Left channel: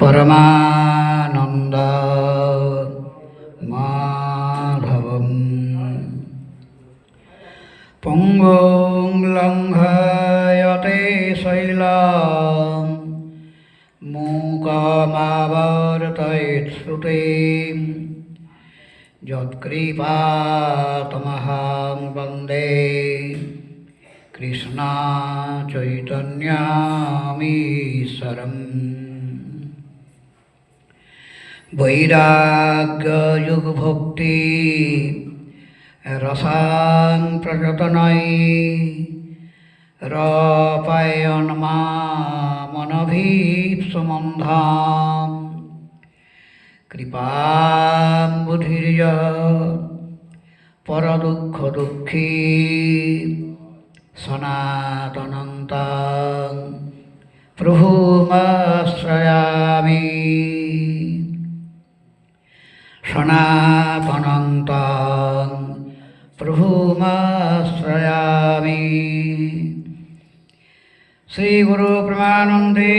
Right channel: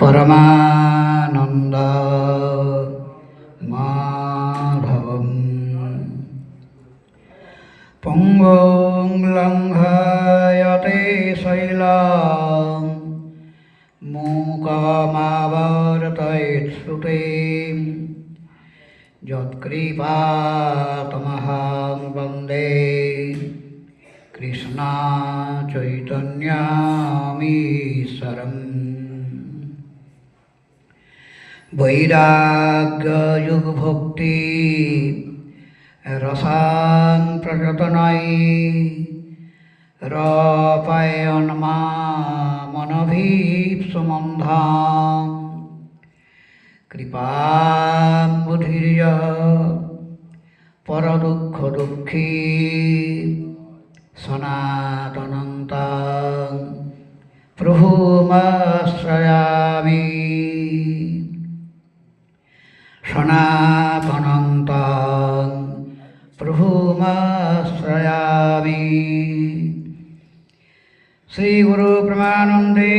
परमानन्द माधवम् पङ्गुं लङ्घयते शैलां मूकमावर्तयेत्सुतीं यत्कृपातमहं বৈরাগ্যযুগভক্তি রসাং প্রযতনাই রপায়ন মা মনভীপ মনভীপসুমন্ধাম কৃপাম্বুধির্য পরদুঃখ দুঃখী সনাতনন্তাং গুরু প্রমানন্দে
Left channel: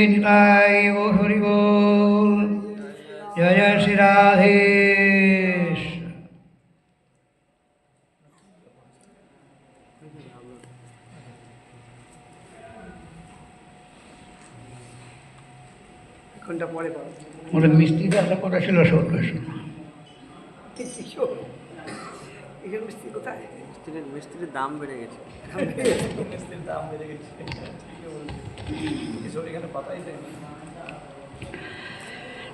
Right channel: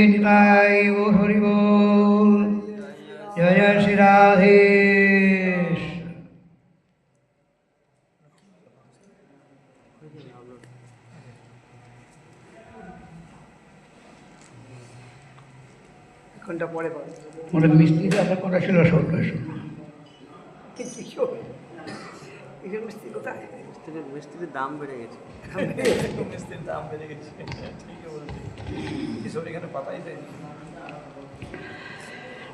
হরি জয় জয় শ্রী রাধেশ ঘণ্টা পরে পাবে ওটা মিস্ত্রিটা আশা করা ছিল সব কিশোর কিশোর মিস্ত্রি মিস্ত্রির মিস্ত্রির দাম বেড়ে গেছে।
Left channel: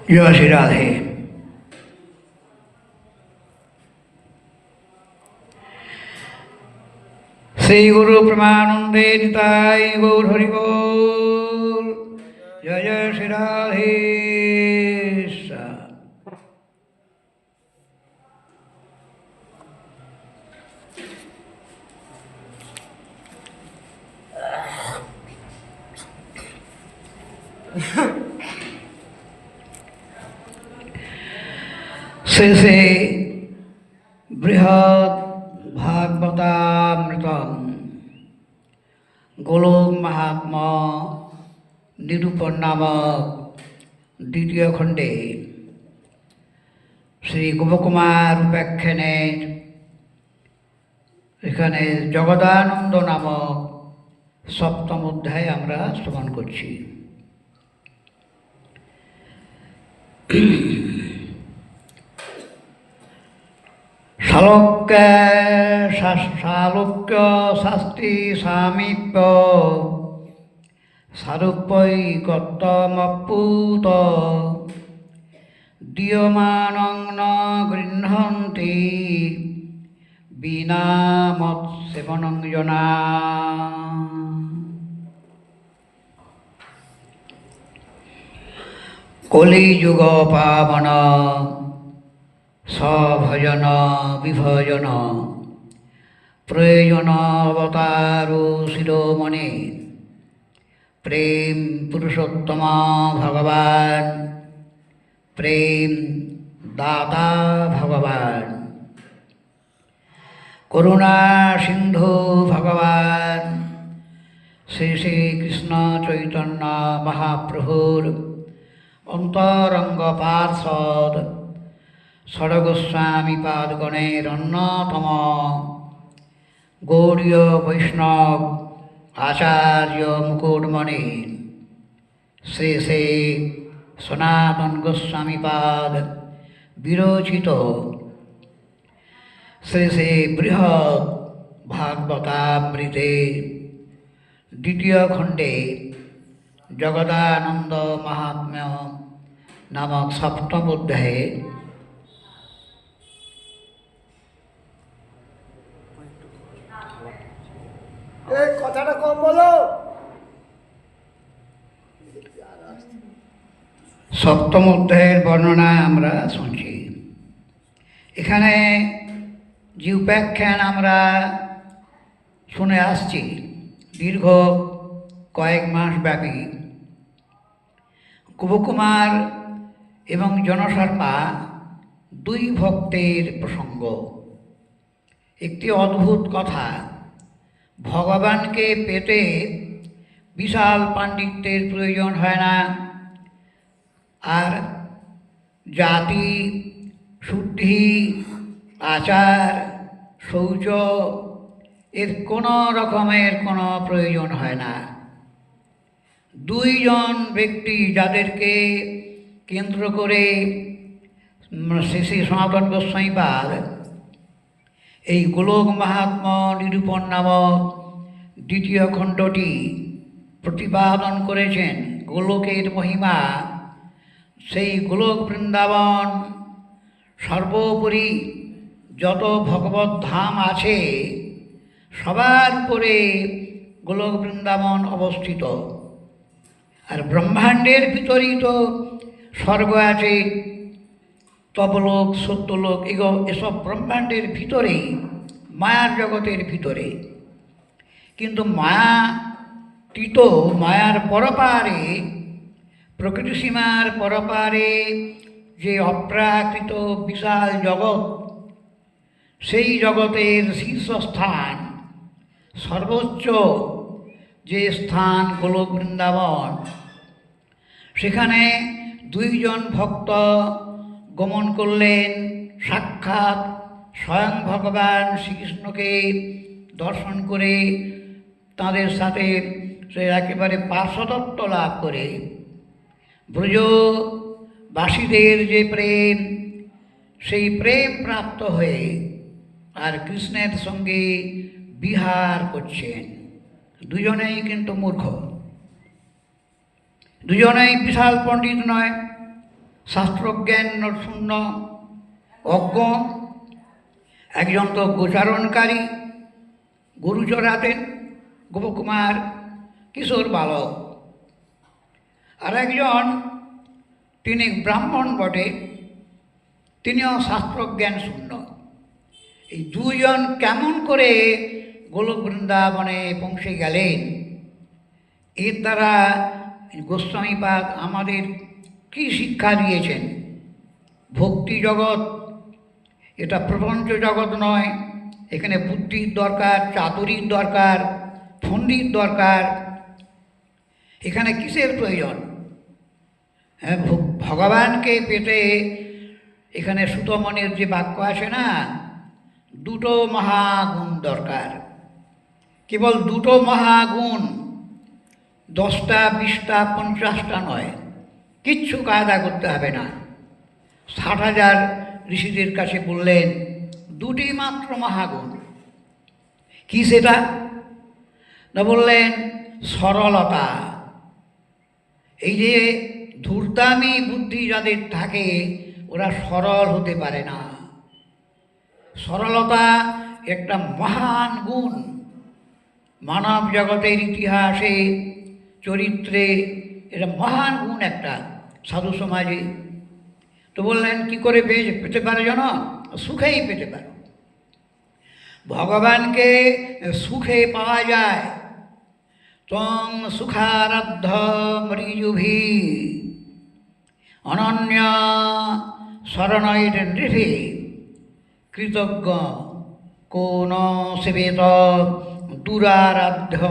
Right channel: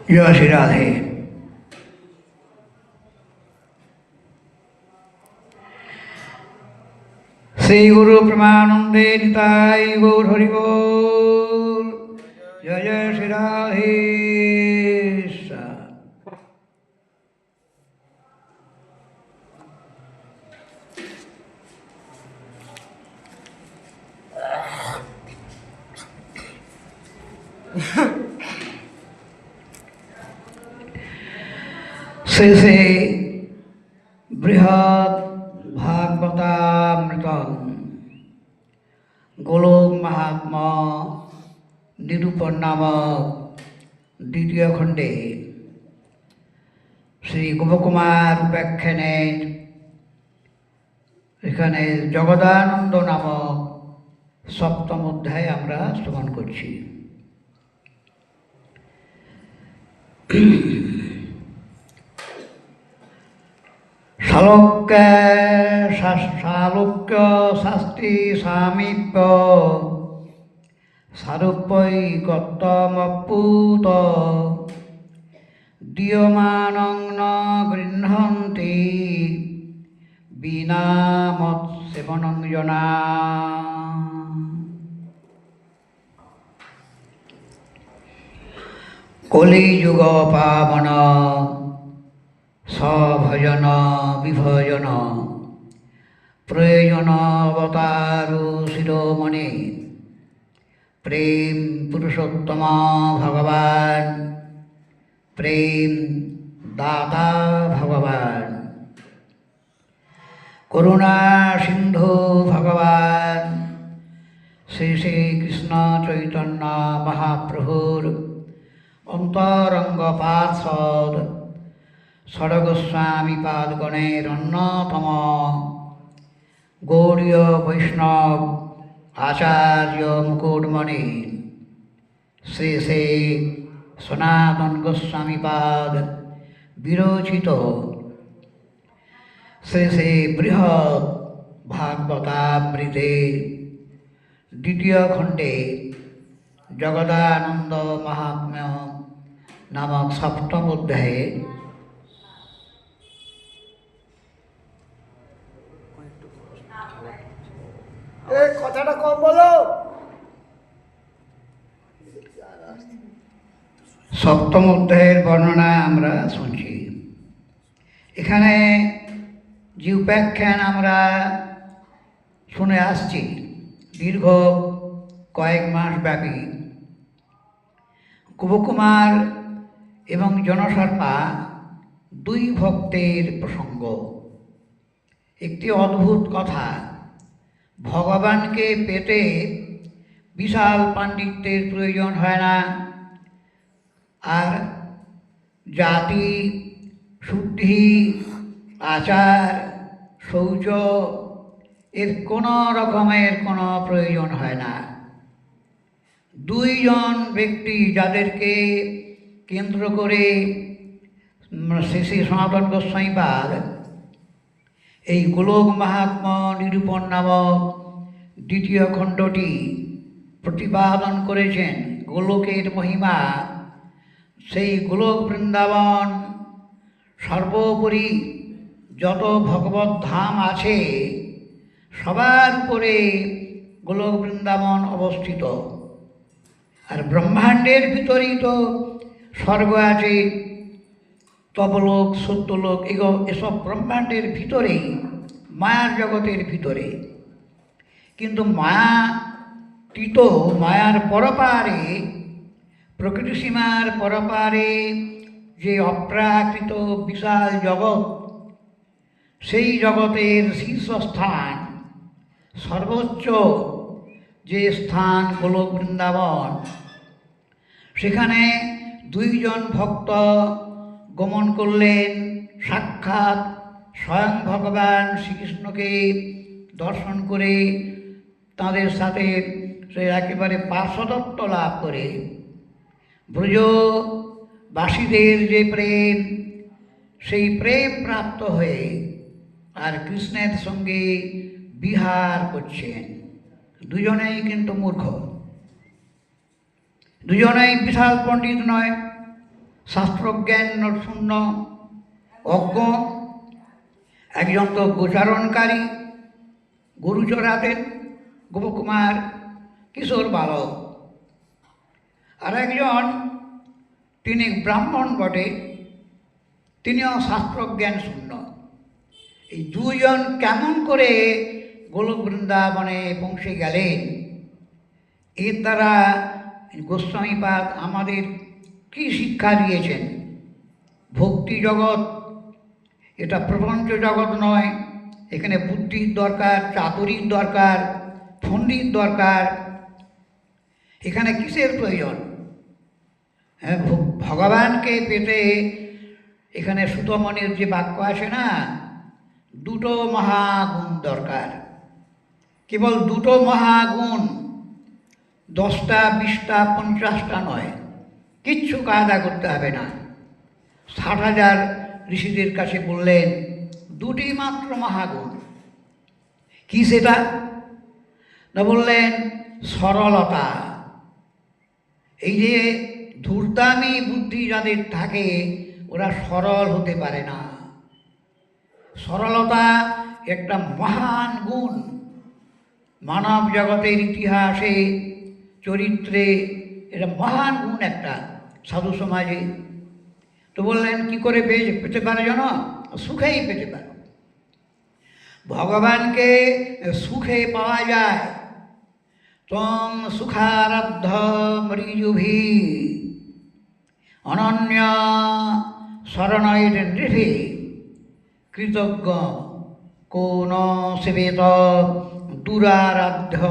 জয় শ্রী রাধে শ্রী গুরু প্রমানন্দে নিতাই গৌর হরি বল জয় জয় শ্রী রাধে শেষে বৃহৎ ভাগবতামৃতম গোলক মাহাত্ম নিরূপণ নামক দ্বিতীয় খণ্ডে শ্রী গোপকুমার উপাখ্যানের এখানে জগদানন্দ নামক সপ্তম অধ্যায় আমরা শ্রবণ করছি। শালক্য শালক্য শাস্তি সামীপ্য সারূপ্যৈকত্তমপুত দীয়মানং ন গৃহন্তি বিনা মৎসেবনং জনা কলিযুগ পাবন সভজন বিভজন প্রয়োজন অবতারু শিরোমণি। প্রেম পুরুষোত্তম ভগবান। প্রেম দাতা ভগবান। করুণা সিন্ধু ভগবান। শ্রী শ্রী কৃষ্ণ চৈতন্য মহাপ্রভুর অন্তরঙ্গ পার্ষদ ষড়গোস্বামী পাদগণের অন্যতম গৌড়ীয় বৈষ্ণব আচার্য মুকুটমণি, শ্রী শ্রী সনাতন গোস্বামী পাদ বিরচিত। শ্রী শ্রী বৃহৎ ভাগবতামৃতে দ্বিতীয় খণ্ডে জগদানন্দ মাহাত্ম্য নামক সপ্তম অধ্যায়ে এই কথাটা কম বলো সপ্তম অধ্যায়ের বর্ণনা আমরা শুনছি। এখানে যে উপাখ্যান আমরা শুনে আসছি, দীর্ঘ কয়েক মাস ব্যাপী। কুবকুমার এবং জনসর্পা দুই ভক্তের প্রসঙ্গ। একটি অদ্ভুত কথা, ভগবানকে পেতে বিশাল পাণ্ডিত্যের প্রয়োজন হয় না। জাতি, শুদ্ধি, আচার, শৌচ, এর কোনো রকমের কোনো প্রয়োজন হয় না। দুইজন ব্যক্তি যাদেরকে কেন্দ্র করে শ্রী শ্রী সনাতন গোস্বাইপাদ এই গোলক মাহাত্ম নিরূপণ নামক দ্বিতীয় খণ্ডটি প্রতিপাদন করেছেন গোলকের মহিমা সেই গোলক বৃন্দাবন সর্বোপরি যত ভগবত ধাম আছে, সবার উপরে গোলক বৃন্দাবন অবস্থিত। আর ব্রহ্মাণ্ডের ভিতরেই তো স্বর্গ আছে, তপলোক, সত্যলোক, এগো, এসব ব্রহ্মাণ্ডের ভিতরেই, মায়ার জগতের ভিতরে। কিন্তু মায়া তীত মায়ার পরপারে প্রকৃতি সীমার পরপারে যে অপ্রাকৃত বিশাল জগৎ, সেই জগতের শীর্ষস্থান, সর্বোচ্চ যে স্থান হল বৃন্দাবন। সেখানে দুইজন ভক্ত গমন করলেন, সাক্ষাৎ স্বয়ং ভগবান শ্রীকৃষ্ণকে দর্শন করে তাদের সাথে সে একেবারে পার্শ্বদত্ত লাভ করে। ব্রজবাসীদের যে প্রেম, সেই প্রেম প্রাপ্ত হয়ে আর কৃষ্ণের সঙ্গে বিহার করছেন। দুজনেই কিন্তু মূর্খ। দুজনেই বিশাল পণ্ডিত নয়, শাস্ত্রজ্ঞান শূন্য, অজ্ঞ। একজন তো গোচারণকারী গরু চড়াতেন গোপকুমার, কিশোর বালক। আর একজন তিনি ব্রাহ্মণ বটে, তিনিও শাস্ত্রজ্ঞান শূন্য। এই দুজন কেমন করে গোলক বৃন্দাবনে পৌঁছে গেলেন? এর দ্বারা গোস্বামীপাদ আমাদের কি শিক্ষা দিয়েছেন? ভক্তি জগৎ, এটা প্রপঞ্চ জগৎ নয়। এখানে বুদ্ধির দরকার, চাতুরির দরকার, ফন্ডির দরকার। এখানে কিসের প্রয়োজন? হ্যাঁ ভগবানকে পেতে এখানে সুতমনের যে বাক্য আছে না, দুটো মহাগুণ দরকার। কেবল দুটো মহাগুণ, দশটা, বিশটা, পঞ্চাশটা নয়, কিচ্ছু কায়দা করতে হবে না। ষাট হাজার ঋষিদের কাছে বললেন, দুটি মাত্র মহাগুণ। কি সেটা? না বললেন, সরলতা। এই যে ধূর্তামি বুদ্ধি যাদের থাকে, ওরা সরল হতে পারে না। সরলতা একটা মহান গুণ। মানব জগতের ইতিহাসে, চরিত্রে এটা মহান গুণ একটা সাধু সমাজে। তো বললেন, কি করে পেয়ে পেতে পারে যেন সুখেই পেতে পারে। ভগবানকে সুখে পাওয়া যায়। তং সুখারাধ্য মৃজুভি অনন্য শরণৈর নৃভি কৃতজ্ঞ কোন সেবেত দুরারাধ্য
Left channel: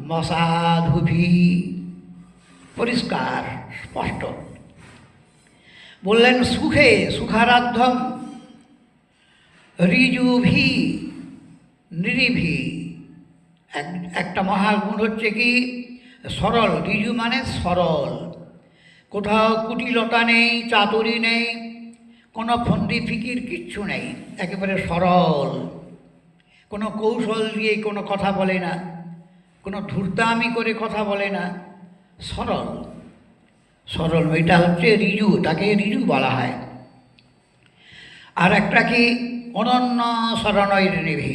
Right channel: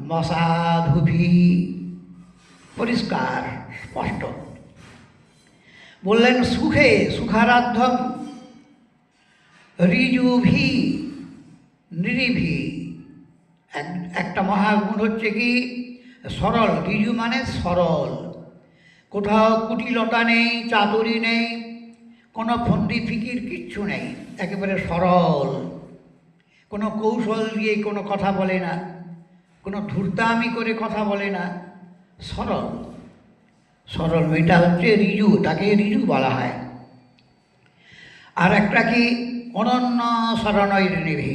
মসাধুভি। পরিষ্কার, স্পষ্ট। বললেন, সুখে সুখারাধ্যম, ঋজুভি, নিরিভি। এক- একটা মহাগুণ হচ্ছে কি? সরল। ঋজু মানে সরল। কোথাও কুটিলতা নেই, চাতুরি নেই, কোনো ফন্দি ফিকির কিচ্ছু নেই, একেবারে সরল। কোনো কৌশল দিয়ে কোনো কথা বলে না, কোনো ধূর্তামি করে কথা বলে না, সরল। সরল এটা হচ্ছে রিজু, তাকে রিজু বলা হয়। আর একটা কি, অনন্য শরণয় নিভি।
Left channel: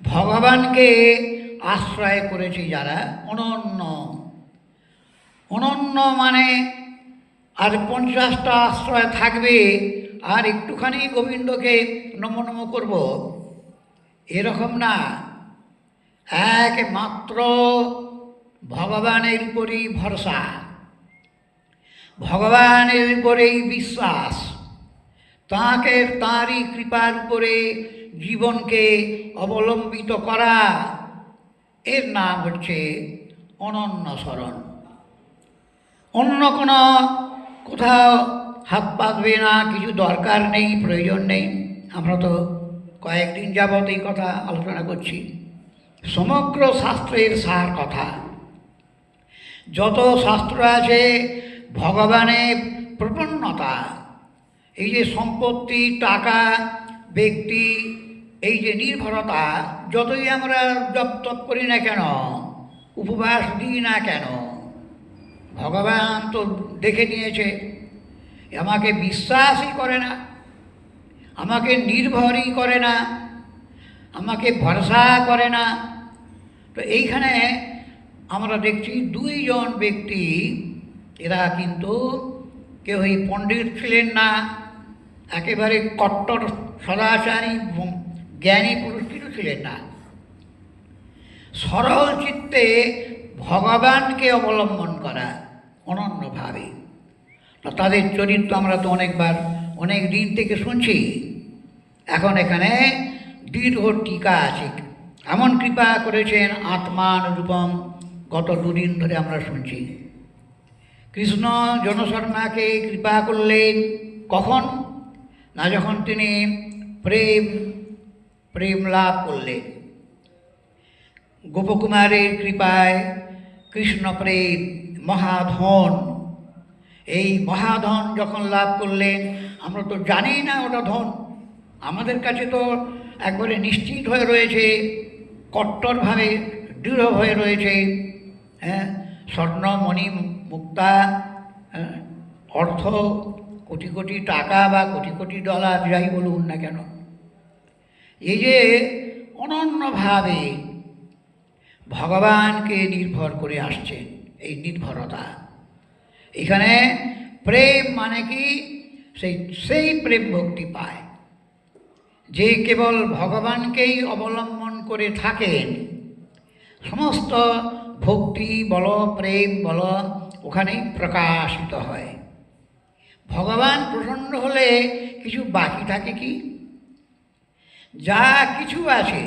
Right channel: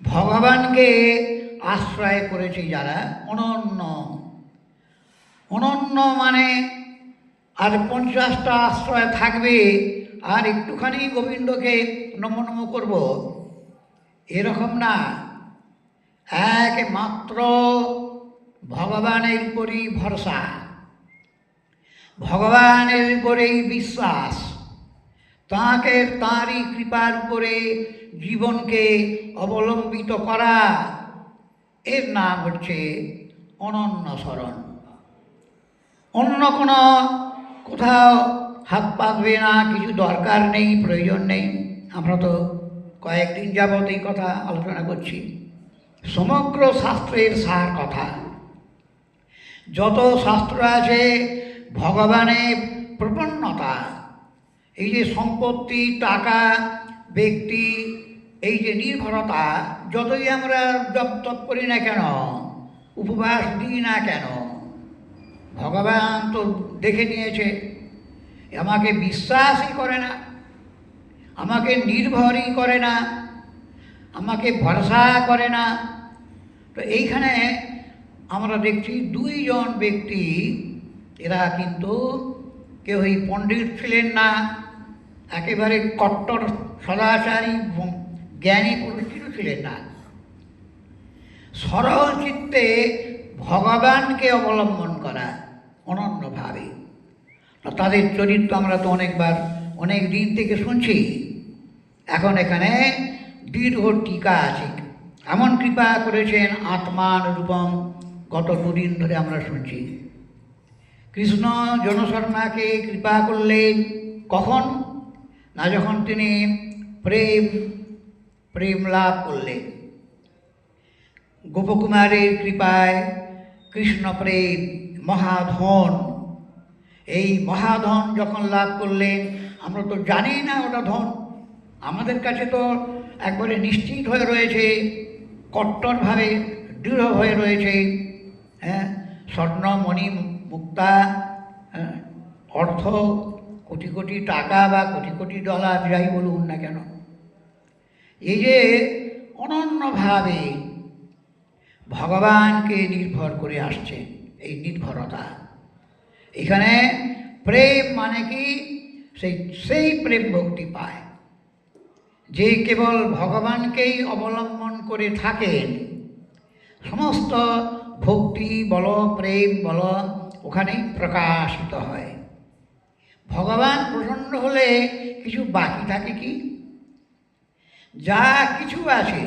ভগবানকে আশ্রয় করেছে যারা অনন্য অনন্য মানে আর পঞ্চাশটা আশ্রয় থাকবে, আর একটুখানি গোবিন্দকে নম নম করব। এরকম না। একমাত্র ভগবানের উপরেই ভরসা। ভগবানের উপরেই বিশ্বাস। তাঁকে, তাঁরই কৃপার উপরে জীবনকে অবলম্বিত করা। এর নাম হচ্ছে অনন্য স্মরণ অন্য কোনো কোথাও হাত পাতবে না, কিছু দরকার নেই, প্রয়োজন নেই। আমরা তো কয়েকদিন যাবৎ এই কথা আলোচনা করছি। সমগ্র শাস্ত্রের সার কথা। যত শাস্ত্র আছে ভগবানের প্রপন্নতা। এই যে সম্পত্তি, টাকা, ব্যক্তি, এই যে নির্ভরতা, যতই আমরা জপ তপ করি না কেন, উপবাস দিই না কেন ভগবান তো দেখে নিয়েছে আমাকে বিশ্বাসই করে না, আমাকে নির্ভরই করে না, আমাকে ভরসা করে না। তো এইখানে আমরা দেখছি দুইজন ব্যক্তি, এরা কিন্তু কেউই পণ্ডিত ছিলেন না, একেবারে কট্টর, সদাচারী জ্ঞানী পুরুষ ছিলেন না। সরল চিত্তে ভগবানকে অবলম্বন করা। অনন্যভাবে তাদের চরিত্র আমরা তো অনেকবার, অনেক দিন থেকে শুনছি। এখন এখানে দীর্ঘ টিকা আছে। এমন কৃপা করেছেন আত্মান রূপম, গত দুদিন ধরে আমরা শুনছি। কৃষ্ণ জনশর্মাকে কৃপা করলেন কখন? না যখন তিনি প্রেম প্রেম লাভ করলেন। গোপকুমারের কৃপায় কৃষ্ণ প্রেম মহাধন। এই মহাধন যখন লাভ করলেন আমরা তো জানি না ওটা ধন। আমাদের কাছে তো একবারে নিশ্চিত হয়ে রয়েছে কট্টরভাবে দৃঢ় হয়ে রয়েছে। হ্যাঁ স্বর্ণমণি মুক্তা হ্যাঁ, অর্থ কোটি কোটি টাকা বা কোটি কোটি ডলার যাই বলুন না কেন। এই যে অনন্যভাবে ভগবানকে নির্ভর করে আসছে। এই নির্ভরতা। এখানে প্রেম মানে কি? সেই সেই প্রেম ভক্তি পায়। যে কেবল ভগবানকেই অবলম্বন করে থাকেন, সমস্ত ভক্তি, বল, প্রেম, বল ওখানেই প্রকাশিত হয়। ভগবান প্রসন্ন হলে কিছু বাকি থাকে কি? যা কিছু আছে,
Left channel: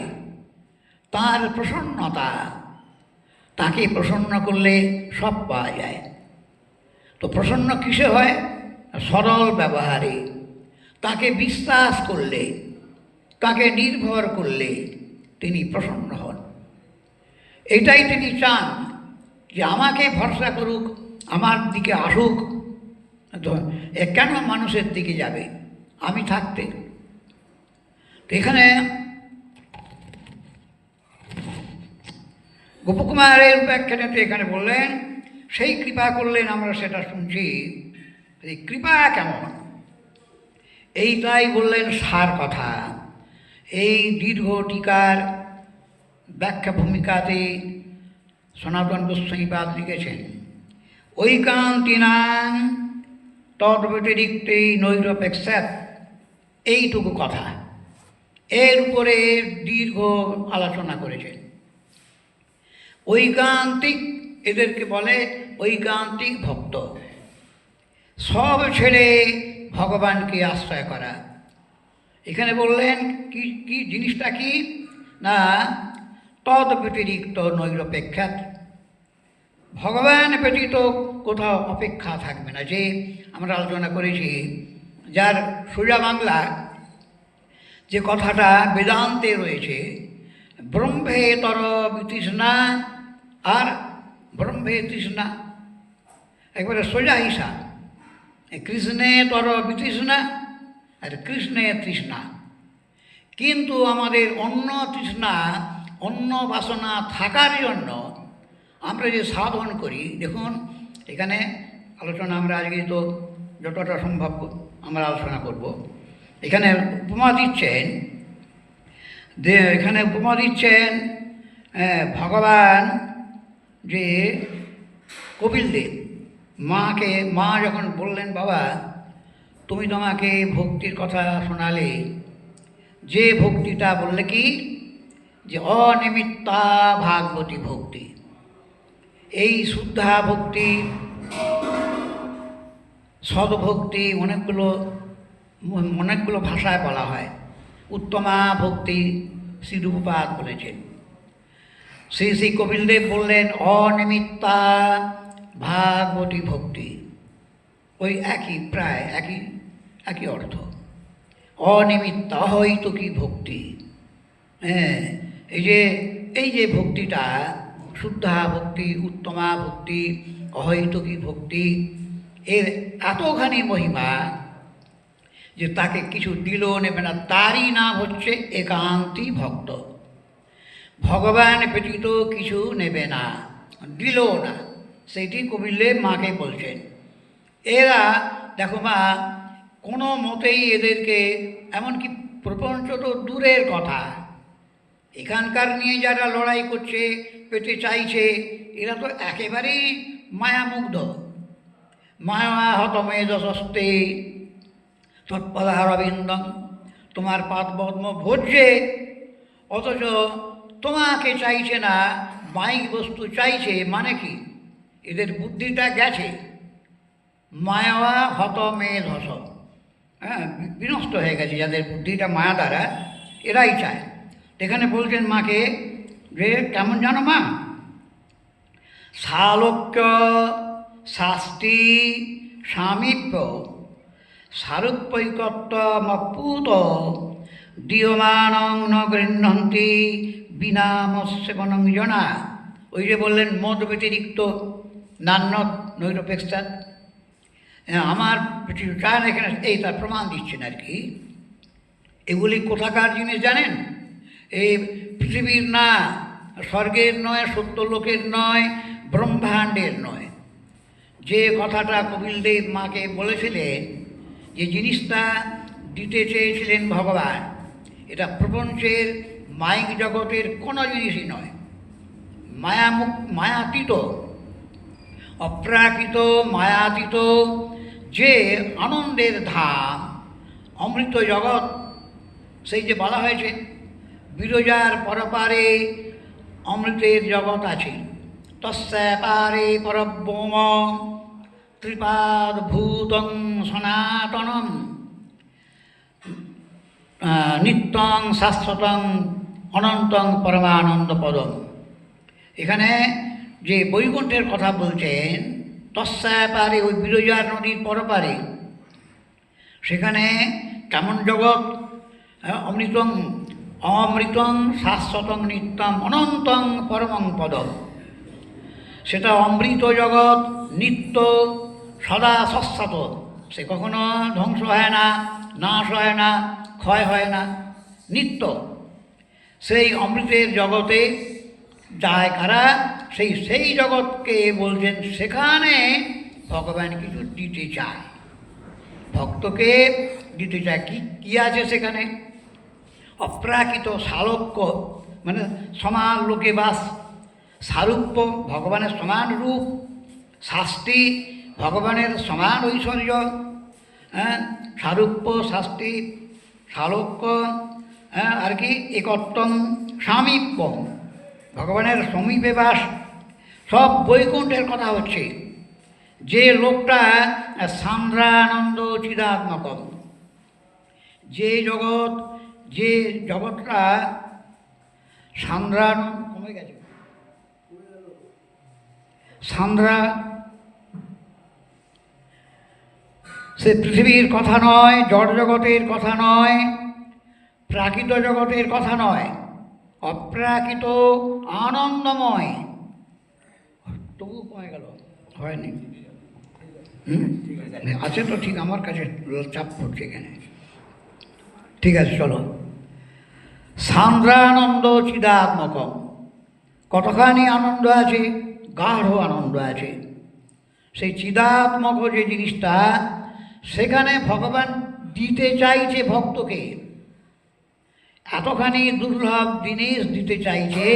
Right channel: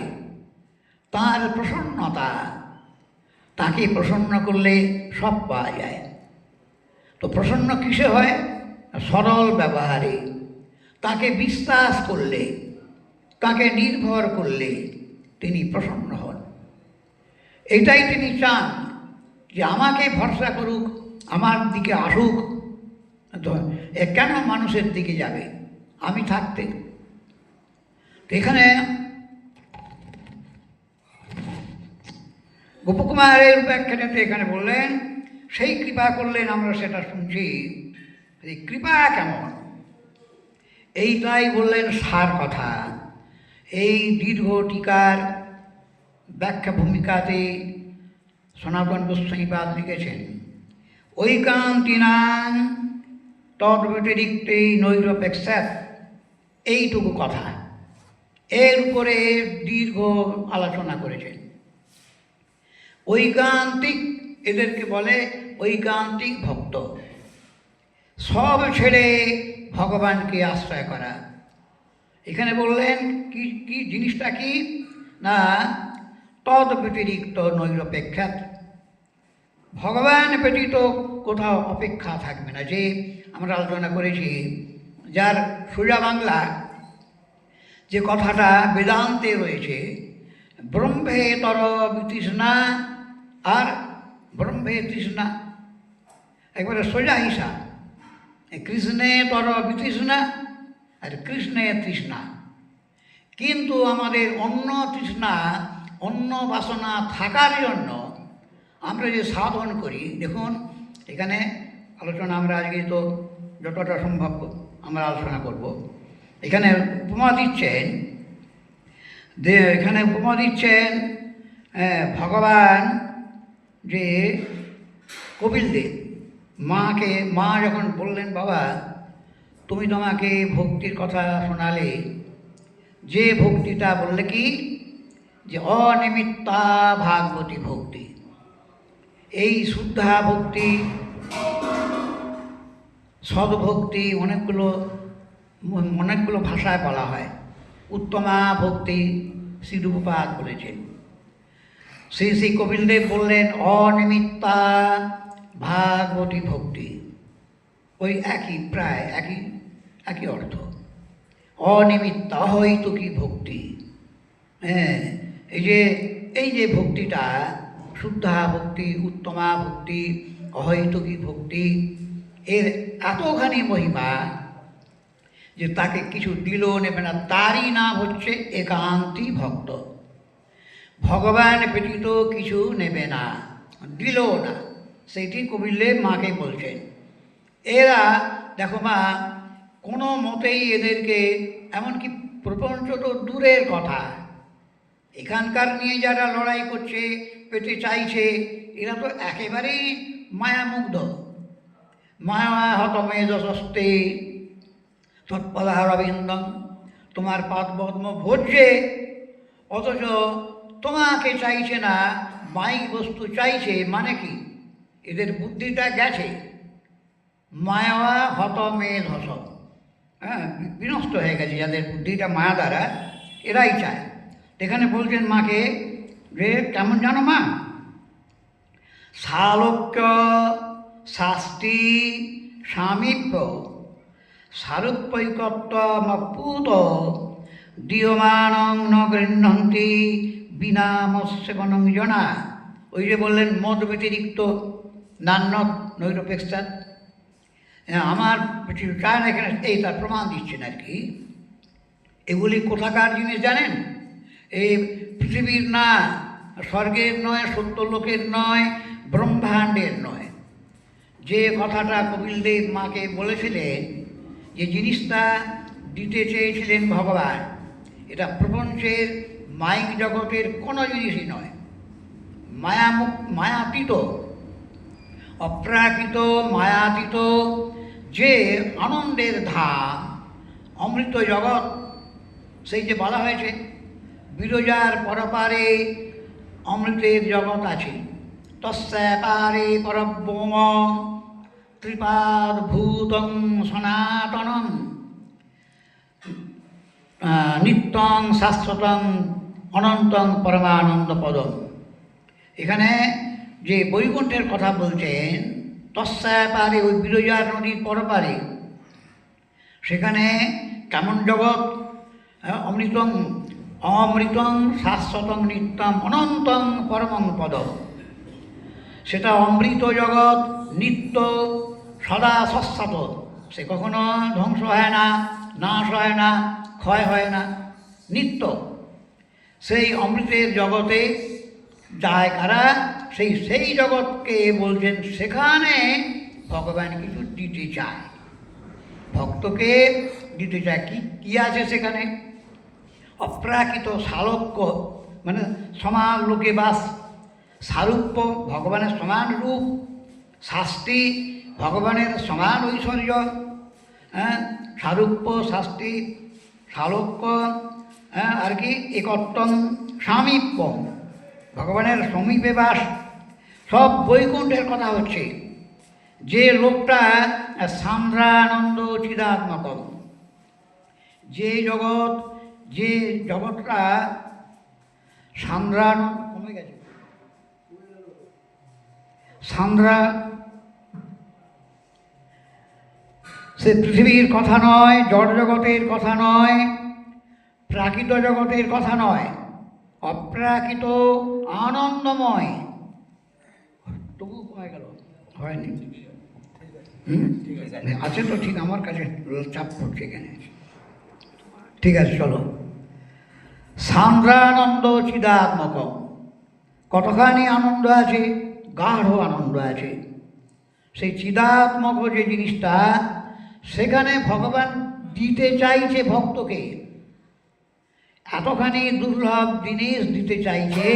তার প্রসন্নতা তাকে প্রসন্ন করলে সব পাওয়া যায়। তো প্রসন্ন কিসে হয়? সরল ব্যবহারে। তাকে বিশ্বাস করলে, তাকে নির্ভর করলে তিনি প্রসন্ন হন। এটাই তিনি চান যে আমাকে ভরসা করুক, আমার দিকে আসুক। কেন মানুষের দিকে যাবে? আমি থাকতে। এখানে গোপকুমারের ব্যাখ্যাটাতে এখানে বললেন, সেই কৃপা করলেন আমরা সেটা শুনছি। এই কৃপা কেমন? এইটাই বললেন সার কথা। এই দীর্ঘ টিকার ব্যাখ্যা ভূমিকাতে সনাতন গোস্বাইপাদ লিখেছেন ঐকান্তিনাং তদ ব্যতিরিক্তেই নৈরপেক্ষাত এইটুকু কথা। এর উপরে দীর্ঘ আলোচনা করেছেন। ঐকান্তিক, এদেরকে বলে ঐকান্তিক ভক্ত। সব ছেড়ে ভগবানকে আশ্রয় করা। এখানে বললেন, কি কি জিনিসটা কি? না, তদ ব্যতিরিক্ত নৈরপেক্ষাত। ভগবান ব্যতীত কোথাও অপেক্ষা থাকবে না। যে আমরা আলোচনা করেছি, যার সোজা বাংলা যে কথাটা বেদান্তে রয়েছে ব্রহ্মে তর বিতৃষ্ণা আর ব্রহ্মে তৃষ্ণা। একবারে সোজা হিসাব কৃষ্ণে তর বিতৃষ্ণা, আর কৃষ্ণে তৃষ্ণা। কিন্তু আমাদের অন্য তৃষ্ণা অন্য বাসনা থাকার জন্য আমরা যে সাধন করি, দেখুন, এখানে আলোচনা আমরা আজকে তো যতটা সম্ভব আমরা আলোচনা করব। এখানে উপমা দিচ্ছেন। এখানে উপমা দিচ্ছেন ভগবান যে কপিলদেব মাকে, মা যখন বললেন, বাবা, তুমি তোমাকে ভক্তির কথা শোনালে। যে ভক্তিটা বললে কি? যে অনিমিত্তা ভাগবতী ভক্তি। এই শুদ্ধা ভক্তি, সদ্ভক্তি অনেকগুলো অনেকগুলো ভাষায় বলা হয়। উত্তমা ভক্তি শ্রীরূপাত বলেছেন। শ্রী শ্রী কপিলদেব বললেন, অনিমিত্তা ভাগবতী ভক্তি। ওই একই, প্রায় একই একই অর্থ। অনিমিত্ত অহৈতুকী ভক্তি? হ্যাঁ এই যে এই যে ভক্তিটা, শুদ্ধা ভক্তি, উত্তমা ভক্তি অহৈতুকী ভক্তি, এর এতখানি মহিমা যে তাকে কিছু দিলেও নেবে না, তারই নাম হচ্ছে একান্তি ভক্ত। ভগবান ব্যতীত কিছু নেবে না দিলও না। সেইটি কবিল্লে মাকে বলছেন এরা, দেখো মা, কোনো মতেই এদেরকে এমনকি প্রপঞ্চ তো দূরের কথা। এখানকার নিয়ে যারা লড়াই করছে, পেতে চাইছে, এরা তো একেবারেই মায়ামুগ্ধ। মায়া হতমে দশস্তে তৎপদারবিন্দম তোমার পদ্ম ভোজ্যে, অথচ তোমাকে চাইছে না মাইক বস্তু চাইছে মানে কি? এদের বুদ্ধিটা গেছে। মায়া হত মেয়ে ধস। হ্যাঁ বিনষ্ট হয়ে গেছে যাদের বুদ্ধিটা, মায়া দ্বারা। এরাই চায়। এখানে বলছেন মাকে যে কেমন জানো মা? সালোক্য শাস্তি সামীপ্য। সারূপ্যৈকত্বমপুত দীয়মানং ন বিনামস্যবনং জনা ওই যে বললেন, মদ ব্যতিরিক্ত নান্য নৈরপেক্ষা আমার কিছু চায় না এখানে, এই তার প্রমাণ দিচ্ছেন আর কি। এগুলি কোথাকার জিনিস জানেন? এই পৃথিবীর না, স্বর্গের নয়, সত্যলোকের নয়, ব্রহ্মাণ্ডের নয়। যে কথাটা কপিলদেব মাকে বলেছিলেন, যে জিনিসটা দিতে চেয়েছিলেন ভগবান, এটা প্রপঞ্চের মাইক জগতের কোনো জিনিসই নয়। মায়ামুক মায়াতীত, অপ্রাকৃত, মায়াতীত, যে আনন্দের ধাম, অমৃত জগৎ, সেই যে বলা হয়েছে, বিরজার পরপারে অমৃতের জগৎ আছে। তস্যাপারে পরব্রহ্ম ত্রিপাদ ভূতং সনাতনম নিত্যং শাশ্বতং অনন্তং পরমানন্দ পদম। এখানে যে বৈকুণ্ঠের কথা বলছেন তস্যায় পারে ওই বিরজার নদীর পরপারে। সেখানে কেমন জগৎ অমৃতং অমৃতং শাশ্বতং নিত্যম অনন্তং পরমং পদ সেটা অমৃত জগৎ, নিত্য, সদা শাশ্বত সে কখনো ধ্বংস হয় না, নাশ হয় না, ক্ষয় হয় না, নিত্য। সেই অমৃতের জগতে যায় কারা? সেই সেই জগৎকে বলছেন, সেখানে ভগবান কিছু দিতে চায়। ভক্তকে দিতে চায়। কি, কী আছে সেখানে? অপ্রাকৃত সালোক্য মানে সমান লোকে বাস। সারূপ্য, ভগবানের সমান রূপ। শাস্তি, ভগবানের সমান ঐশ্বর্য। হ্যাঁ সারূপ্য, শাস্তি সালোক্য হ্যাঁ আর কি একত্তম সামীপ্য ভগবানের সমীপে বাস। সব বৈকুণ্ঠের কথা হচ্ছে। যে লোকটা সান্দ্রানন্দ চিদাত্মক যে জগৎ, যে জগৎটা সান্দ্রান কমে গেছে। সান্দ্রা, সে পৃথিবীর কথা নয় জড় জগতের কথা নয়। প্রাকৃত জগতের কথা নয়, অপ্রাকৃত আনন্দময়। তবু কমে গেল, হয়নি। আছে তো ঠিক আমার কাছে চাপ পড়ছে এখানে। ঠিক আছে, চলো। সান্দ্রানন্দ চিদাত্মক কতখানি আনন্দ আছে, গাঢ় আনন্দ আছে। সেই চিদাত্মক যে জিনিসটা, সেখানে ভগবান দিতে চাইছে ভক্তকে। এতখানি দুর্লভ জিনিস দিতে চাইছে।